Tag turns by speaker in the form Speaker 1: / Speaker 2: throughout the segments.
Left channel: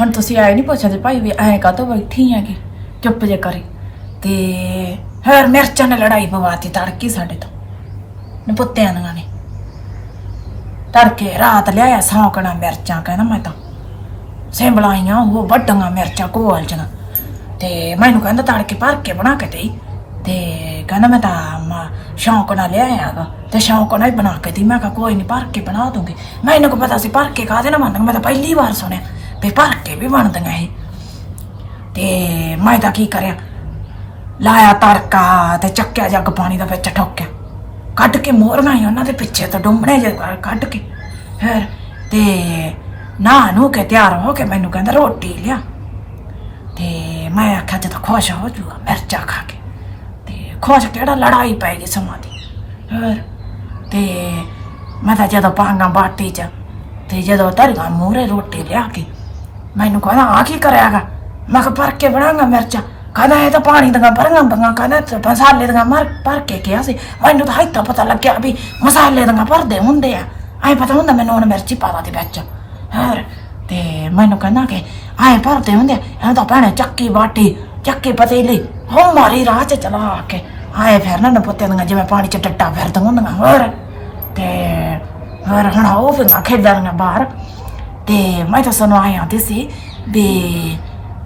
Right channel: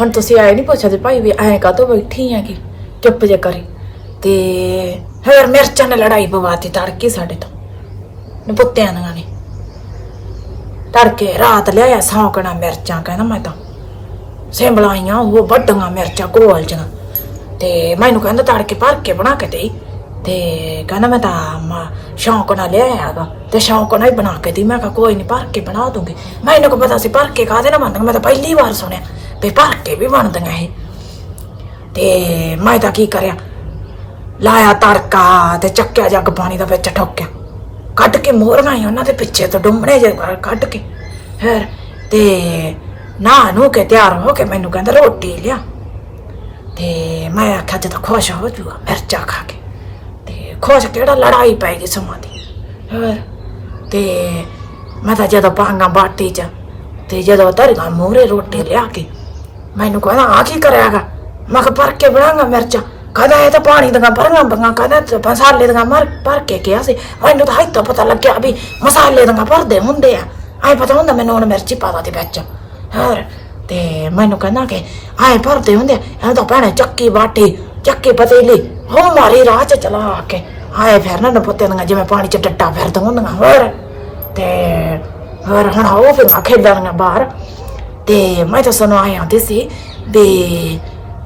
Speaker 1: ਹੁਣ ਤੁਸੀਂ ਆਏ ਨਹੀਂ ਪੁੱਛਦੇ ਭਾਈ ਵੀ ਐਂ ਕਾਹਤੋਂ ਬੈਠੀ ਹੈਗੀ ਚੁੱਪ ਜੇ ਕਰੀ। ਤੇ ਹੋਰ ਮਿਰਚਾਂ ਨੇ ਲੜਾਈ ਪਵਾਤੀ ਤੜਕੀ ਸਾਡੇ ਤੋਂ। ਨਪੁੱਤਿਆਂ ਦੀਆਂ ਨੇ। ਤੜਕੇ ਰਾਤ ਲਿਆਇਆ ਸੌਂਕਣਾ ਮਿਰਚਾਂ, ਕਹਿੰਦਾ ਮੈਂ ਤਾਂ। ਸਿੰਬਲਾਈਆਂ ਉਹ ਵੱਡੀਆਂ ਮਿਰਚਾਂ, ਗੋਲ ਜੀਆਂ ਤੇ ਮੈਨੂੰ ਕਹਿੰਦਾ ਤੜਕੇ ਭਰ ਕੇ ਬਣਾ ਕੇ ਦੇਈ। ਤੇ ਕਹਿੰਦਾ ਮੈਂ ਤਾਂ ਮ- ਸ਼ੌਂਕ ਨਾਲ ਲਿਆਇਆਗਾ ਤੇ ਸ਼ੌਂਕ ਨਾਲ ਹੀ ਬਣਾ ਕੇ ਦੀ ਮੈਂ ਕਿਹਾ ਕੋਈ ਨਹੀਂ ਭਰ ਕੇ ਬਣਾ ਦੂੰਗੀ। ਮੈਨੂੰ ਕੋ ਪਤਾ ਸੀ ਭਰ ਕੇ ਕਾਹਦੇ ਨਾਲ ਬਣਦੀਆਂ ਮੈਂ ਤਾਂ ਪਹਿਲੀ ਵਾਰ ਸੁਣਿਆ। ਵੀ ਭਰ ਕੇ ਵੀ ਬਣਦੀਆਂ ਇਹ। ਤੇ ਮੈਂ ਤਾਂ ਕੀ ਕਰਿਆ? ਲਾਇਆ ਤੜਕਾ ਤੇ ਚੱਕਿਆ ਜੱਗ ਪਾਣੀ ਦਾ ਵਿੱਚ ਠੋਕਿਆ। ਕੱਢ ਕੇ ਮੋਹਰਾਂ ਹੀ ਉਹਨਾਂ ਦੇ ਪਿੱਛੇ ਤੋਂ ਡੁੰਮਣੇ ਜੇ ਕੱਢ ਕੇ। ਫਿਰ ਤੇ ਨਾ ਨੂੰ ਕੇ ਤਿਆਰ ਹੋ ਕੇ ਮੈਨੂੰ ਕਹਿੰਦਾ ਰੋਟੀ ਲਿਆ। ਤੇ ਮੈਂ ਆਖਿਆ ਜਦੋਂ ਖੁਸ਼ ਹੋ ਜੂਗਾ ਮਿਰਚਾ ਖਾ ਕੇ। ਤੇ ਖੁਸ਼ ਕਿਹੜਾ ਲੜਾਈ ਪੈ ਗਈ ਸਮਾਂ ਦੀ। ਹੋਰ ਤੇ ਮੈਂ ਤਾਂ ਜਦੋਂ ਪਾਂਗਾ ਬਾਟੀ ਚ ਤੇ ਜਦੋਂ ਧਰਗਾ ਮੂਹਰੇ ਰੋਟੀ ਲਿਆ ਕੇ ਮੈਨੂੰ ਕਹਿੰਦਾ ਆ ਕੀ ਕਰਿਆਗਾ ਮੈਂ ਕਿਹਾ, ਭਰ ਕੇ ਬਣਾਂਗਾ ਮਿਰਚਾਂ। ਕਹਿੰਦਾ, ਇਹ ਤਾਂ ਪਾਣੀ ਦੀਆਂ ਭਰੀਆਂ ਬੰਗਾ, ਕਹਿੰਦਾ ਮਸਾਲੇ ਦੀਆਂ ਮਰ, ਭਰ ਕੇ ਕਿਹਾ ਸੀ। ਮੈਨੂੰ ਤਾਂ ਹਾਈ ਤਾਂ ਪਤਾ ਲੱਗਿਆ ਵੀ ਮਸਾਲੇ ਦੀਆਂ ਭਰਦੇ ਹੁੰਦੇ ਆ। ਐ ਪਤਾ ਹੁੰਦਾ ਮੈਨੂੰ ਹੁਣ ਮਿਰਚੀ ਪਾ ਦੇ ਵਿੱਚ। ਹੋਰ, ਤੇ ਮੈਨੂੰ ਕਹਿੰਦਾ ਕਿ ਆਏ ਭਰਦੇ ਹੁੰਦੇ ਆ। ਇਹ ਤਾਂ ਭੈਣੇ ਚੱਕੀ ਬਾਟੀ, ਚੱਕੀ ਪਤੀਲੀ ਹੋ ਮਾਰੀ ਰਾਹ ਚ ਚਲਾ ਕੇ। ਆਏ ਫਿਰ ਨਾ ਪੁੱਤੇ ਦੀਆਂ, ਜਿਵੇਂ ਪਾਣੀ ਚ ਟੱਟਾ ਫਿਰਦੇ ਹੁੰਦੀਆਂ। ਹੋਰ, ਤੇ ਹੋਰ ਹੁਣ ਉਹ ਫਿਰ ਖੇਡਾਂ ਬਾਹਰ। ਤੇ ਮੈਂ ਤਾਂ ਸਾਨੂੰ ਆਇਆ ਆਂਦੀ ਸੀ ਵੀ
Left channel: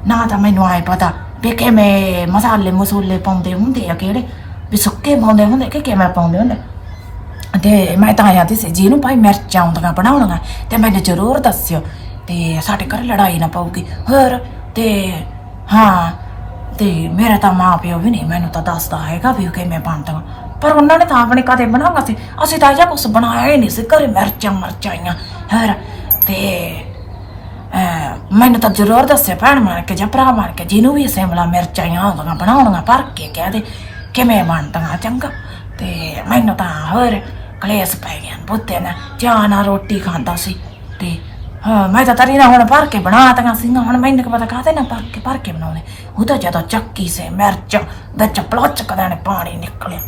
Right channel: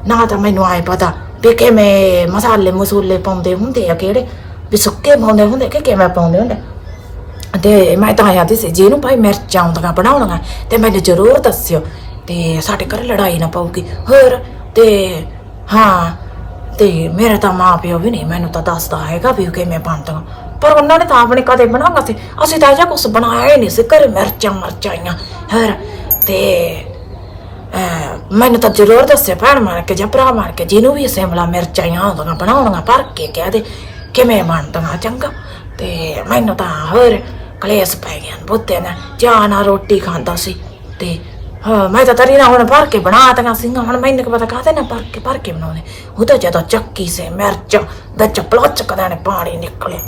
Speaker 1: ਨਾ ਤਾਂ ਮੈਨੂੰ ਆਏ ਪਤਾ ਵੀ ਕਿਵੇਂ ਮਸਾਲੇ ਮਸੂਲੇ ਪਾਉਂਦੇ ਹੁੰਦੇ ਆ ਕਿਹੜੇ ਵੀ ਸੁੱਕੇ ਪਾਉਂਦੇ ਹੁੰਦੇ ਕਿ ਕਿਵੇਂ ਪਾਉਂਦੇ ਤੇ ਮੈਂ ਤਾਂ ਆਇਆ ਸੀ ਜਿਹਨੂੰ ਭਾਈ ਮਿਰਚਾਂ ਆਉਂਦੀਆਂ ਬਣਾਉਣੀਆਂ ਤੇ ਮੈਨੂੰ ਜ਼ਰੂਰ ਦੱਸਿਓ ਤੇ ਸਾਡੇ ਘਰ ਲੜਾਈ ਨਾ ਪਊਗੀ ਹੋਰ ਤੇ ਹਾਂ ਤੇ ਮੇਰਾ ਤਾਂ ਮਾਂ ਪਿਓ ਵੀ ਨਹੀਂ ਮੈਨੂੰ ਤਾਂ ਦੱਸਦਾ ਹੈਗਾ ਵੀ ਉਹ ਕਿਵੇਂ ਬਣਦਾ ਪਰ ਉਹਨਾਂ ਨੇ ਤਾਂ ਆਪਣੇ ਕਦੇ ਬਣਾਉਣਾ ਸੀ ਅਸੀਂ ਤਾਂ ਅਜਾ ਕੁਝ ਬਣਾਇਆ ਹੀ ਨਹੀਂ ਸੀ ਘਰੇ ਮਿਰਚਾਂ ਮਰਚਾਈਆਂ ਹੋਰ ਤੇ, ਅਹ, ਮੈਨੂੰ ਤਾਂ ਜ਼ਰੂਰ ਦੱਸੇ ਭੈਣ ਮਾਰ ਕੇ ਜਾਂ ਭਰਾ ਮਾਰ ਕੇ, ਜਿਹਨੂੰ ਵੀ ਸਿਮਲਾ ਮਿਰਚਾਈਆਂ ਆਉਂਦੀਆਂ ਬਣਾਉਣੀਆਂ, ਭਰ ਕੇ ਕਹਿ ਦੇ, ਕਿਵੇਂ ਬਣਦੀਆਂ ਚੰਗਾ। ਤੇ ਮੈਨੂੰ ਤਾਂ ਹੋਰ ਕਲੇਸ਼ ਪੈ ਗਿਆ ਬੁੱਤੇ ਨਾ ਚਾਹ ਨਾਲ ਰੋਟੀ ਖਾਂਦਾ ਸੀ। ਤੇ, ਹਾਂ, ਮੈਂ ਤਾਂ ਤਰੀ ਨਾ ਹੁਣ ਭਰ ਕੇ ਬਣਾਤੀਆਂ ਸੀ ਹੁਣ ਮੈਨੂੰ ਕੀ ਪਤਾ ਕਾਹਦੇ ਨਾ ਭਰ ਕੇ ਭਰ ਕੇ ਬਣਾਉਣੇ। ਉਹ ਤਾਂ ਜਦੋਂ ਚੱਕੀ ਸੇ ਮਿਰਚ ਵਿੱਚ ਪਲੋਚ ਕਦਾਂ ਨੇ ਪਾਣੀ ਨਿਕਲਿਆ।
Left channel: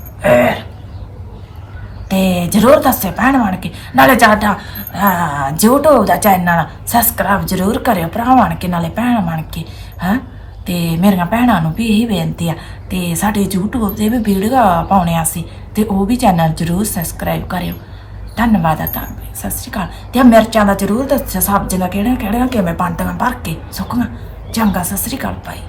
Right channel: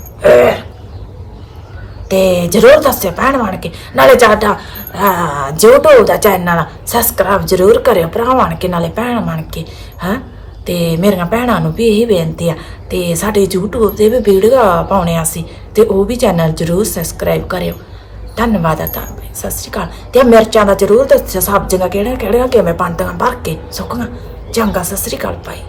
Speaker 1: ਜ਼ਰੂਰ ਦੱਸਿਓ ਭੈਣ ਬਣ ਕੇ। ਨਾਲੇ ਸਾਡਾ ਅਹ, YouTube ਦਾ ਚੈਨਲ ਸਬਸਕ੍ਰਾਈਬ ਜ਼ਰੂਰ ਕਰਿਓ ਭਰਾ ਬਣ ਕੇ ਨਾਲੇ ਭੈਣ ਬਣ ਕੇ ਹਾਂ? ਤੇ ਮੇਰੀਆਂ ਭੈਣਾਂ ਨੂੰ ਵੀ ਇਹੀ ਬੇਨਤੀ ਆ। ਤੇ ਸਾਡੇ YouTube ਤੇ ਵੀ ਵੀਡੀਓ ਪਾਉਣੇ ਆ ਸੀ ਤੇ ਉਹ ਵੀ ਚੈਨਲ ਜ਼ਰੂਰ ਸਬਸਕ੍ਰਾਈਬ ਕਰਿਓ। ਧੰਨਵਾਦ ਆ ਤਾਂ ਸਤਿ ਸ਼੍ਰੀ ਅਕਾਲ। ਤੇ ਮਿਰਚਾਂ ਦਾ ਜ਼ਰੂਰ ਦੱਸਿਓ ਸਬਜ਼ੀਆਂ ਕਿਹੜੀਆਂ ਕਿਹੜੀਆਂ ਕਿਵੇਂ ਬਣਦੀਆਂ ਭਰ ਕੇ ਸੁੱਕੀਆਂ। ਚੰਗਾ ਸਤਿ ਸ਼੍ਰੀ ਅਕਾਲ ਭਾਈ।